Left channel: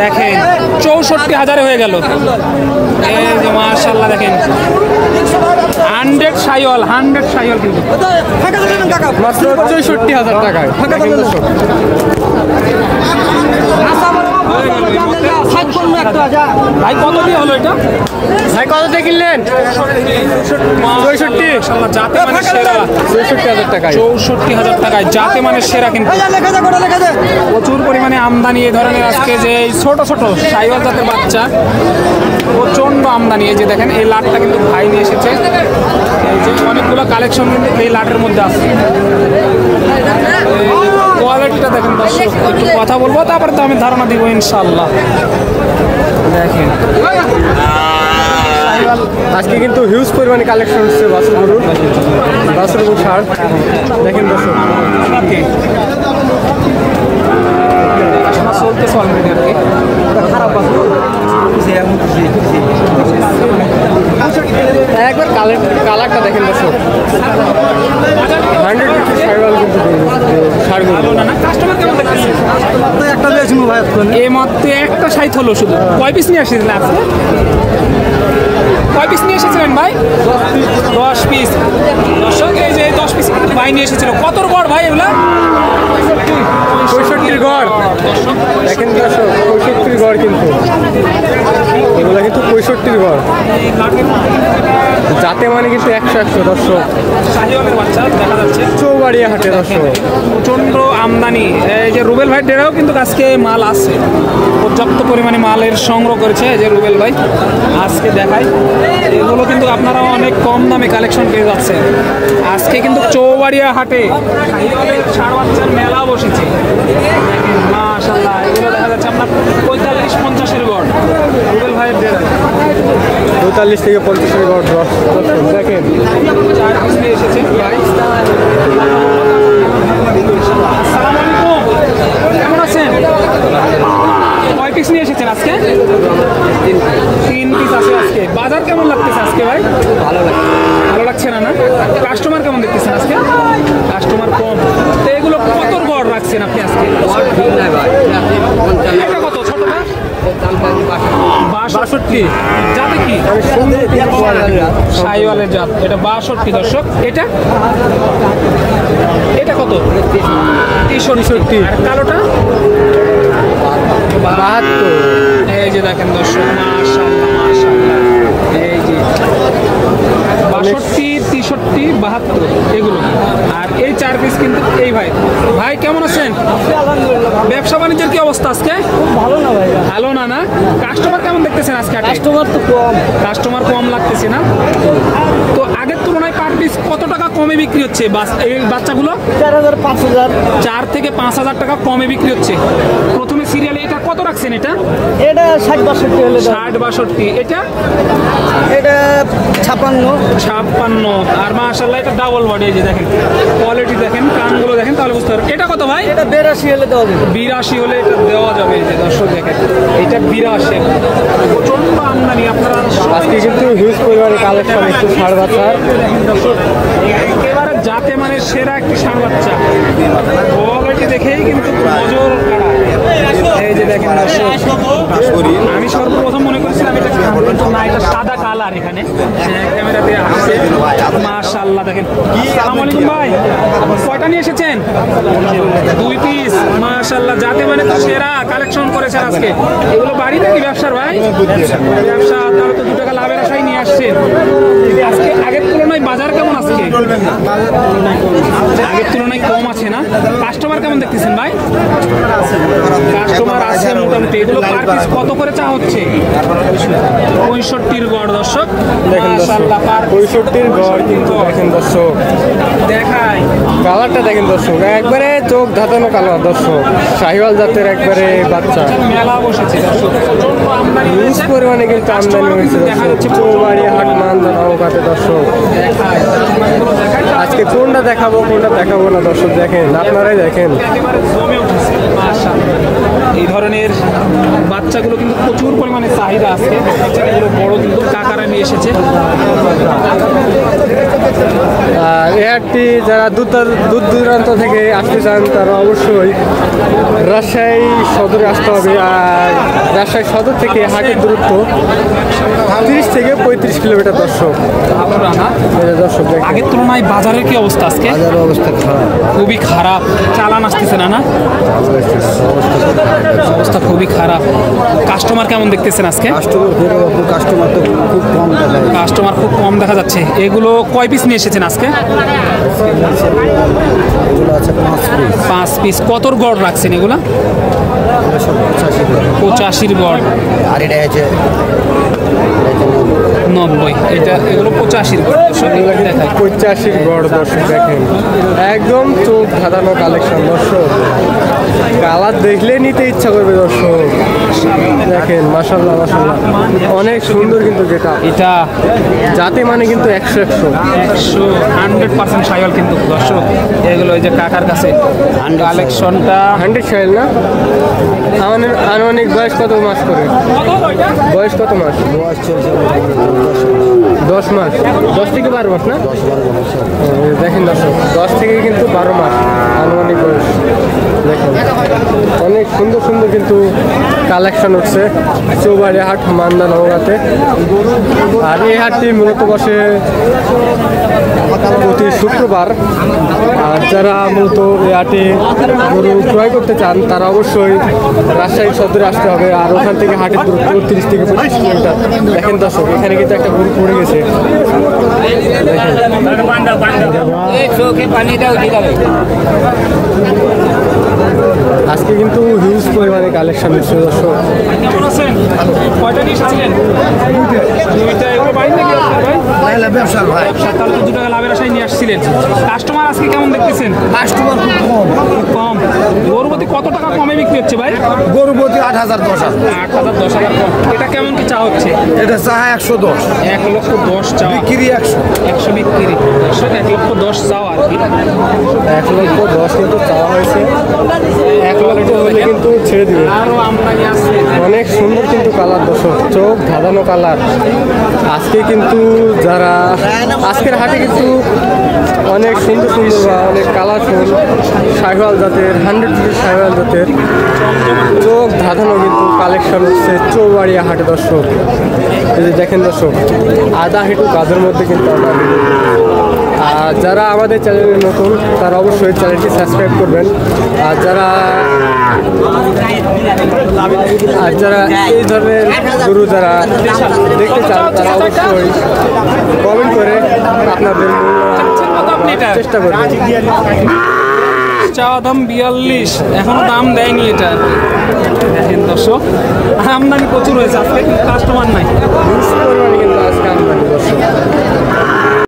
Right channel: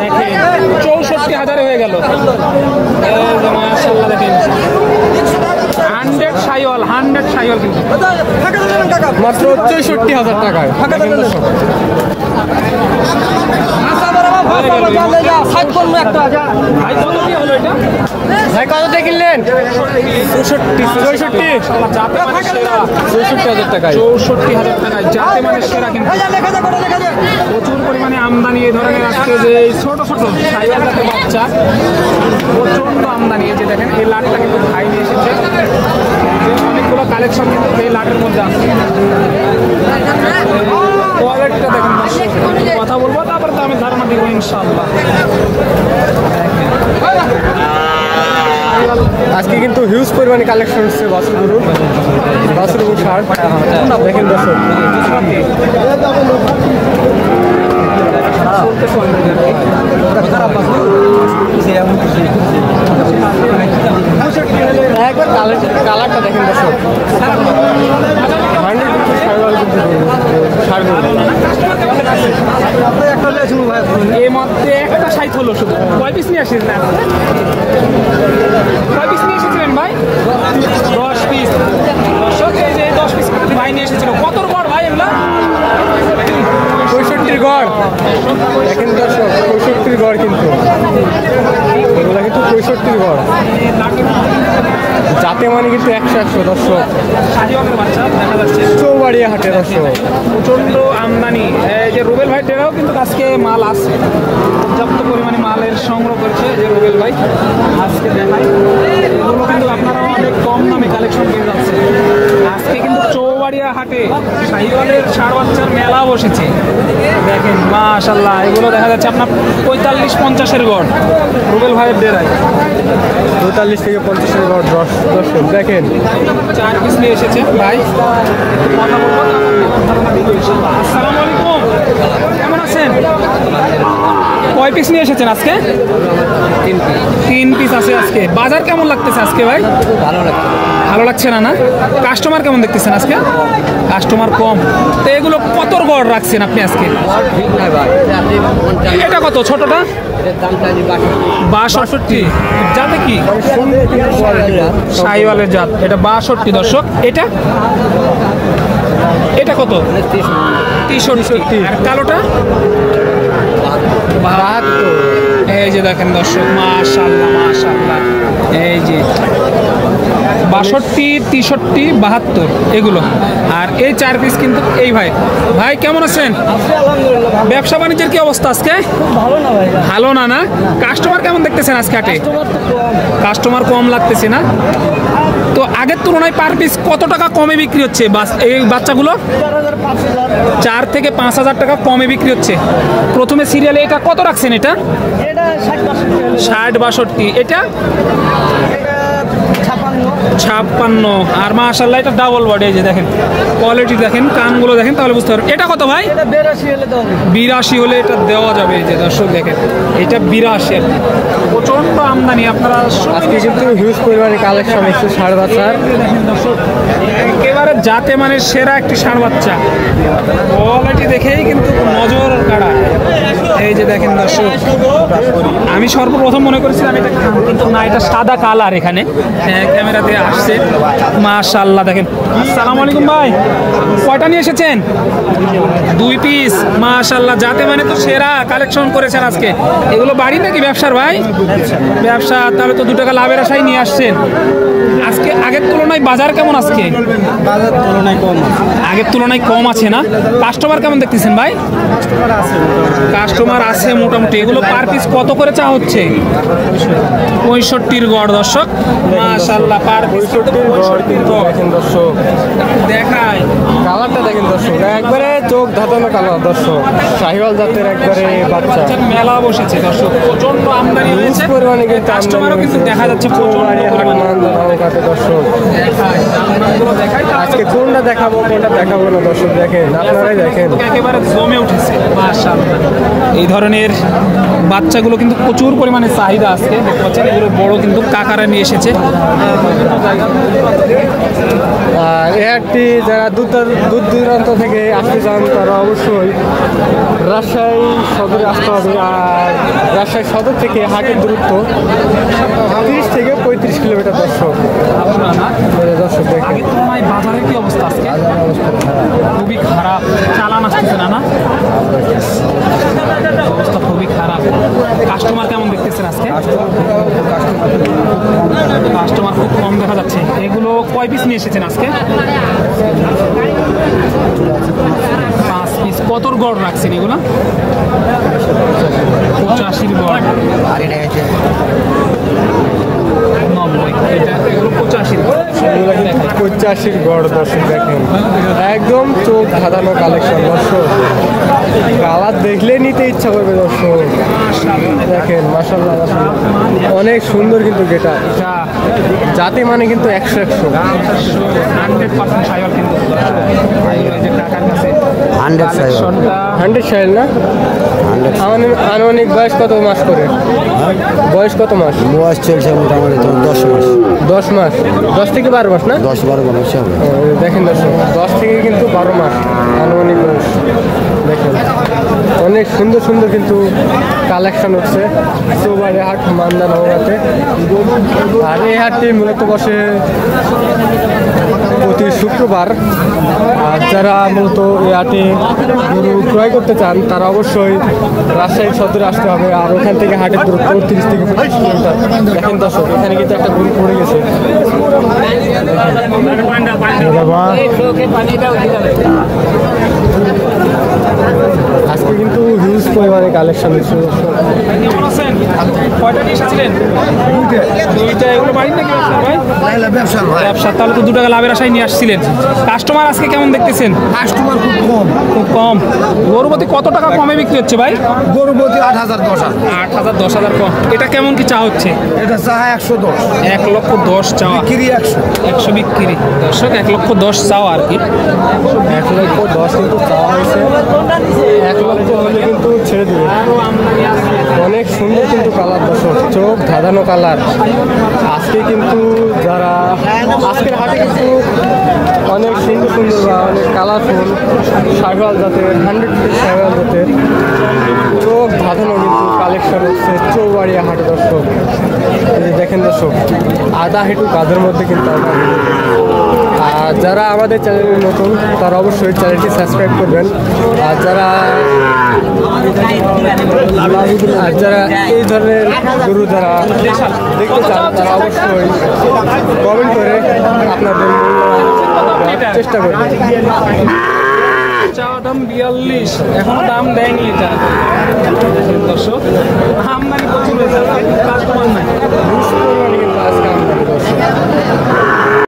দেখেন 64,000 হয়ে গেল। মাশাআল্লাহ দেখেন 100 শাইওয়াল কিন্তু মাত্র 64,000 টাকায়। দেখেন দর্শক ভাই কত দিয়ে হলো এটা? ভাই কতটা কিনলেন? 64,000 টাকায়। 64,000 টাকায় জাতে মানে সেরা। কিন্তু প্রচুর পরিমাণে আমদানি এই ধরনের আজকে যে ছোট ছোট শাইওয়াল জাতের বাচ্চা প্রচন্ড আমদানি। এই যে দেখেন এই লাটটা কিন্তু ভাই নিয়ে এসেছে। যে অনেকগুলো কালেকশন কিন্তু এই লাটের মধ্যে আছে। কোয়ালিটিটা দেখেন দর্শক, কথা বলবো তারপরে তো আমি ধারণা দিব ইনশাআল্লাহ। দেখেন আজকে কিন্তু হিউজ পরিমাণে কালেকশন হচ্ছে বাছুর এবং ষাঁড়। দেখেন দর্শক একবার কালারটা দেখেন দর্শক 100 শাইওয়াল কিন্তু ষাঁড় গরু। এই মাত্র একটা সাইট হলো শুধু। কয় পিস নিয়ে আসছিলেন? কয় পিস নিয়ে এসেছিলেন ভাই? 10 পিস। এই যে 10 পিস ভাই নিয়ে এসেছিল। কতর গড় ভাই এগুলা? 65 গড়। দেখেন দর্শক 65 গড় কিন্তু এগুলা কিন্তু 65 গড় যাতে মানে কিন্তু 100 দর্শক চৌবাড়িয়া হাটে দর্শক প্রচন্ড আমদানি। এই যে রুবেল ভাই ডেরাও কিন্তু আজকে মাল আছে, পর্যাপ্ত পরিমাণে মালের সংগ্রহ করেছে যে রুবেল ভাই। আজকে দেখাই এগুলো কিন্তু আপনারা অনেক কম দামে কালেকশন পেয়ে যাচ্ছে। আজকে কিন্তু চৌবাড়িয়া হাটে শাহিওয়ালের ষাঁড় বাচ্চার মেলা বসেছে। দেখেন মাশাআল্লাহ এগুলো দেখা যাচ্ছে আপনার 45-50-এর গড় রুবেল ভাইয়ের ডেরায়। 45 থেকে 50-এর গড় দর্শক দেখেন 4 পিস নিয়ে এসেছেন ভাই। আসসালামু আলাইকুম, কেমন আছেন? কয় পিস নিয়ে এসেছেন আজকে? 3 পিস আছে আজকে। বাজার কেমন লাগতেছে আজকে ভাই? ভালো লাগছে না? না কাস্টমার কেমন দেখতেছেন আজকে? কাস্টমার কম। তো এগুলো কত গড় রাখছেন আপনি আজকে? এটা কত ছোটটা? 62। যাতে কি শাহিওয়ালের জাত, এটা 62 দর্শক। এটা এটা কত? 63। আর কালোটা 72। এই যে দেখেন দর্শক মাশাআল্লাহ মাশাআল্লাহ। এই যে 62, 63, 72 এগুলো। আর এই 4 পিস কিন্তু এই ভাই। ভাই কেমন আছেন? আলহামদুলিল্লাহ। ব্যবসা বাণিজ্যের কি অবস্থা আজকে? ভালো না ভাই। ভালো না? না কাস্টমার কেমন দেখতেছেন আজকে হাটে? কাস্টমার কম লাগতেছে না? তো আগের তুলনায় পার পিস কত টাকা কমে বিক্রি হচ্ছে এই বাচ্চাগুলো? 4 থেকে 5,000 টাকা কমে বিক্রি হচ্ছে। প্রথমে সিরিয়ালে এটা কত রাখছেন? এটা 60-62। এটা 56। আর মাশাআল্লাহ এটা ডাবল বডি। এই যে দেখেন কোয়ালিটি দেখেন, কানগুলো দেখেন, তাহলে বুঝতে পারবেন। এটা কত ভাই? এটা 82 82 হলে হলে দেওয়া যাবে। এটা দেওয়া যাবে। এই যে দর্শক দেখেন এটা 82। প্রচন্ড আমদানি। আপনারা আজকে কিন্তু হিউজ পরিমাণে কালেকশন একটু ষাঁড় বাচ্চার। একেবারে জাতে মানে সেরা একটি ষাঁড় বাচ্চা। কোয়ালিটি দেখেই কিন্তু নজর কাড়া। এই যে দেখেন দর্শক আমি সর্বপ্রথম মনে করেছিলাম এটা কিন্তু না, এটা সাদা কালার। এখানে ক্যামেরাতে আসছে মাশাআল্লাহ। দেখেন আসসালামু আলাইকুম ভাই, কয়টা নিয়ে এসেছেন? 2 পিস মাশাআল্লাহ। যাতে মানে তো সেরা কালেকশন করেছেন আজকে। এগুলো বাড়ি নাকি ব্যবসার ভাই? ব্যবসা। তাহলে তো 2 টাকা লাভের আশায় নিয়ে আসছেন। আজকে আগের তুলনায় বাজার কেমন? আজকে আগের তুলনায় কম আছে না? কাস্টমার কেমন দেখতেছেন ভাই? কাস্টমার আছে মোটামুটি। এগুলো পার পিস কত করে চা হচ্ছে? 65 গড় দর্শক মাশাআল্লাহ। পার 65 গড় কিন্তু দেখেন দর্শক দেখায় কালারটা দেখেন দর্শক একবারে চোখ ধাঁধানো কালার দর্শক। শাহিওয়াল জাতের একবারে বাচ্চা। মেলা বসেছে দর্শক, প্রচন্ড আমদানি হিউজ হয়েছে। পরিমাণে কিন্তু আমদানি হয়েছে দেখা যাচ্ছে চৌবাড়ি হাট মান্দা নৌকাতে দর্শক। আজকে কোনটা দেখাবো না দর্শক দেখেন, আপনারাই দেখেন একেবারে জমে উঠেছে মাশাআল্লাহ। এই ধরনের বাচ্চাগুলো কিন্তু প্রচুর পরিমাণে চাহিদা আজকে। দেখতে পাচ্ছেন এগুলো বড় কিন্তু কাকারা নিয়ে এসেছে। আর এই হাটটি যারা দূর দূরান্ত থেকে আসতে চান তারা অবশ্যই রাজশাহী সদরে আসতে হবে। আর রাজশাহী সদর থেকে হাটের দূরত্ব 30 থেকে 35 কিলোমিটার দর্শক। এই যে দর্শক দেখেন আগের তুলনায় বাজারের কি অবস্থা আজকে? খুবই খারাপ, চালান আসতেছে না। অবস্থা খুবই খারাপ। কাস্টমার কেমন দেখতেছেন আজকে? কাস্টমার খুব কম দেখা যাচ্ছে। এগুলো কয় পিস নিয়ে এসেছেন আজকে? 5 পিস। কতর গড় রাখছেন এগুলা? 85 গড়। 90। এটা এগুলো 85 গড়। এগুলো কিন্তু 85 গড় দর্শক দেখেন, একদম চোখ ধাঁধানো কালেকশন দর্শক। কালার দেখলে নিতে ইচ্ছা করবে দর্শক। দেখেন মাশাআল্লাহ মাশাআল্লাহ, অনেক সুন্দর কিন্তু যেটা এটা জাতে মানে কিন্তু 100 100% শাইওয়াল কিন্তু দর্শক। এগুলো এই যে কাকার কাছে কালেকশনটা 100 শাইল না। আনুমানিক বয়স কত মাস করে? বয়স কত মাস? 10 মাস। 10 থেকে 12 মাস না? দেখেন দর্শক, 10 থেকে কিন্তু 12 মাস আনুমানিক বয়স। দেখেন অনেক সুন্দর সুন্দর কিন্তু কালেকশন হচ্ছে চৌবাড়ি হাট মান্দা নওগাঁতে। আর এই হাটটি মূলত বসে প্রতি শুক্রবার। আর যারা মূলত এই হাটে গরু ক্রয় করতে চান তারা অবশ্যই রাজশাহী সদরে আসতে হবে। আর ওখান থেকে হাটের দূরত্ব 30 থেকে 35 কিলোমিটার। দেখেন দর্শক, এখানে কিন্তু একটা গরু পড়ে গেছে। দেখেন আজকে কিন্তু হিউজ পরিমাণে কালেকশন হচ্ছে দর্শক। কেমন আছেন? কয়টা নিয়ে এসেছিলেন? দুইটা। এগুলো বাড়ির নাকি ব্যবসা? তাহলে তো 2 টাকা লাভের আশায় নিয়ে আসছিলেন। কাস্টমার আজকে কেমন দেখতেছেন? কাস্টমার খুব কম। কম। গরুপতি কত টাকা কমে বিক্রি হচ্ছে ভাই? গরুপতি 8,000 10,000। 8,000 10,000 কম। এটা কেমন কি চা হচ্ছে? এটা চাহা 110। 1,10,000 চাওয়া। বিক্রি 100। 100 বিক্রি। দর্শক 1,10,000 চাওয়া আর কি। 1,10,000 কিন্তু চাওয়া হয়েছে। 1 লক্ষ হলে কিন্তু ছেড়ে দিবে। আরো আমদানি আছে। অনেক সুন্দর কিন্তু কালার দর্শক, চোখ ধাঁধানো কালার। আজকে কিন্তু যারা আজকের হাটে কিন্তু অনেক সুন্দর সুন্দর বা অনেক কালারফুল শাইওয়াল জাতের 100% শাইওয়াল জাতের চোখ ধাঁধানো কিন্তু কালেকশন হচ্ছে চৌবাড়িয়া হাটে দর্শক। যদি দেখেন দর্শক, আধা হেঁটু কাঁধের মধ্যে কিন্তু আমরা। আর যারা আমাদের চ্যানেলে নতুন তারা অবশ্যই চ্যানেলটি সাবস্ক্রাইব করবেন। আর যারা এই ধরনের গরু যারা দেখতে চান তারা অবশ্যই কমেন্ট করে আপনাদের মূল্যবান দেওয়ার চেষ্টা করবেন। চাওয়া দাম 42, এখনো দাম দেয়নি এটা। দেখেন দর্শক, আমদানি প্রচুর হয়েছে আজকে, কিন্তু কাস্টমার নাই।